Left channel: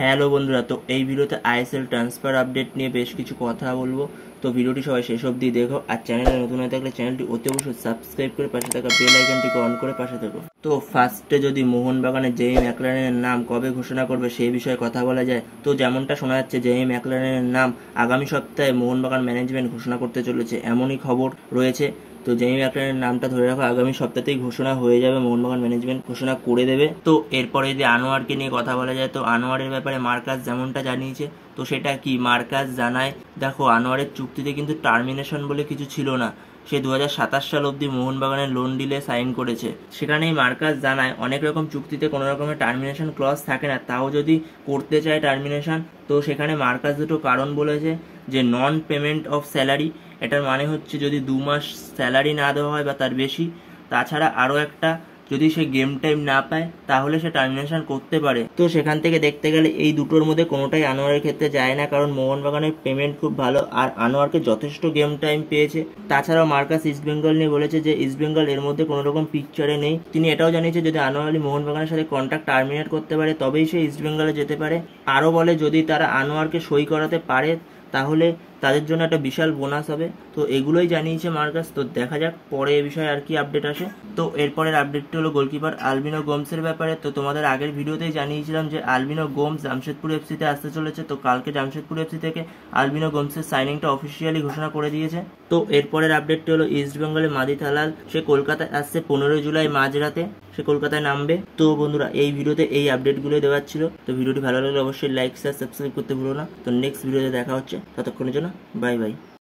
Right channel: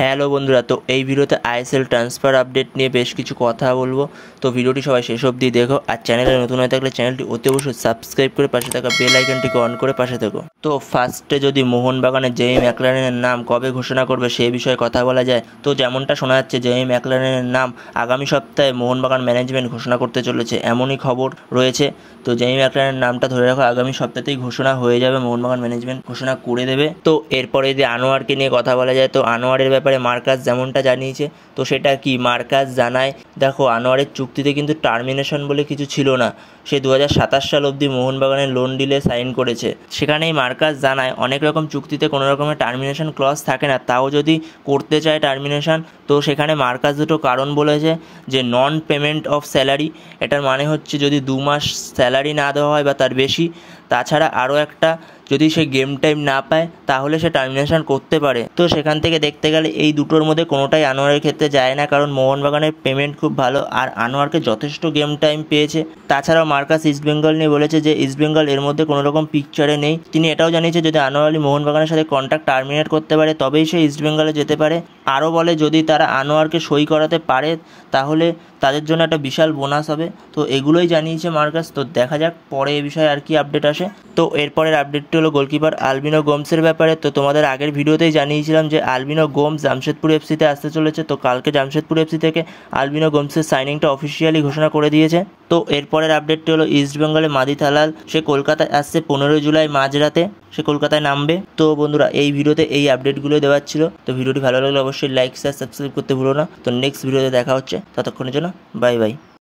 Hello বন্ধুরা, তো এই ভিডিওতে আইএসএল ট্রান্সফার আপডেট নিয়ে বেশ কিছু কথা বলবো। তো ভিডিওটি সবাই শেষ অবধি দেখো, আর চ্যানেলে নতুন হয়ে থাকলে চ্যানেলটি অতি অবশ্যই সাবস্ক্রাইব করে পাশে থাকা বেল আইকনটিকে অন করে পাশে থাকো। তো ফার্স্টে যদি মোহনবাগানের জেমি ম্যাকলারেনের নাম কবে ঘোষণা করবে সেই বিষয়ে কথা বলা যায়, তো যেমনটা শোনা যাচ্ছে জেমি ম্যাকলারেনের নাম আগামী সপ্তাহে মোহনবাগান ম্যানেজমেন্ট ঘোষণা করতে চলেছে, এমনই খবর রয়েছে। তো জেমি ম্যাকলারেনের নামটা ধরে রাখো, আগামী সপ্তাহতেই ঘোষণা হয়ে যাবে, মোহনবাগান ম্যানেজমেন্ট ঘোষণা করে দেবে। তো এরপরে যদি আনোয়ারকে নিয়ে কথা বলা যায়, তো আনোয়ারের ব্যাপারে মার্কাস যেমনটা জানিয়েছে, তো সেটা কি মার্কাস জানায়, দেখো আনোয়ারের চুক্তিতে কিন্তু টার্মিনেশন বলে কিছু ছিল না। সে 2027 সাল অবধি মোহনবাগানের লোন ডিলে সাইন করেছে। সেখানেই মার্কাস জানায় অনেক রকম চুক্তিতে কোনো রকমের টার্মিনেশন ক্লজ থাকে না, তাও যদি করতে চায় টার্মিনেশন, তো সেখানে মার্কাস দুটো কারণ বলেছে। যে নন পেমেন্ট অফ স্যালারি, এটার মানে হচ্ছে যদি 2 মাস স্যালারি না দেওয়া হয় বা তার বেশি, তাছাড়া আরও একটা, যদি সে গেম টাইম না পায় তাহলে সে টার্মিনেশন করতে পারে। তো সেখান থেকে দেখতে গেলে এই দুটোর মধ্যে কোনোটাই আনোয়ারের ক্ষেত্রে যায় না, কারণ মোহনবাগানের পেমেন্ট খুব ভালো আর আনোয়ারকে যথেষ্ট গেম টাইম পেয়েছে। তাছাড়াও মার্কাস ইস্টবেঙ্গল নিয়ে বলেছে যে ইস্টবেঙ্গল এর মধ্যে কোনো রকম পিকচারে নেই। তিনি এটাও জানিয়েছে যদি আনোয়ার আলী মোহনবাগানের সাথে কন্ট্রাক্ট টার্মিনেট করতে পারে তবেই সে ইস্টবেঙ্গলে যেতে পারে। আরও বলে যদি তারা আনোয়ারকে সই করাতে পারে তাহলে তাদের জন্য একটা বিশাল বোনাস হবে। তো এগুলোই জানিয়েছে মার্কাস। তো দেখা যাক পরে এ বিষয়ে আর কি আপডেট আসে। তো এরপরের আপডেটটি হলো গোলকিপার আলবিনো গোমসের ব্যাপারে। তো তোমাদের আগের ভিডিওতেই জানিয়েছিলাম যে আলবিনো গোমস জামশেদপুর এফসিতে আসতে চলেছে। তো কালকে জামশেদপুর এফসি থেকে আলবিনো গোমসের সাইনিংটা অফিসিয়ালি ঘোষণা করে দিয়েছে। তো এরপরের আপডেটটি হলো ইস্টবেঙ্গলে মাদি থালাল, সে কলকাতায় আসছে 15 জুলাই মাঝরাতে, সে কলকাতায় নামবে। তো বন্ধুরা এই ভিডিওতে এই আপডেটগুলোই দেওয়ার ছিল। তো ভিডিওটি ভালো লাগলে অবশ্যই লাইক শেয়ার সাবস্ক্রাইব করতে ভুলো না। তো নেক্সট ভিডিওতে দেখা হচ্ছে, ততক্ষণের জন্য বাই বাই।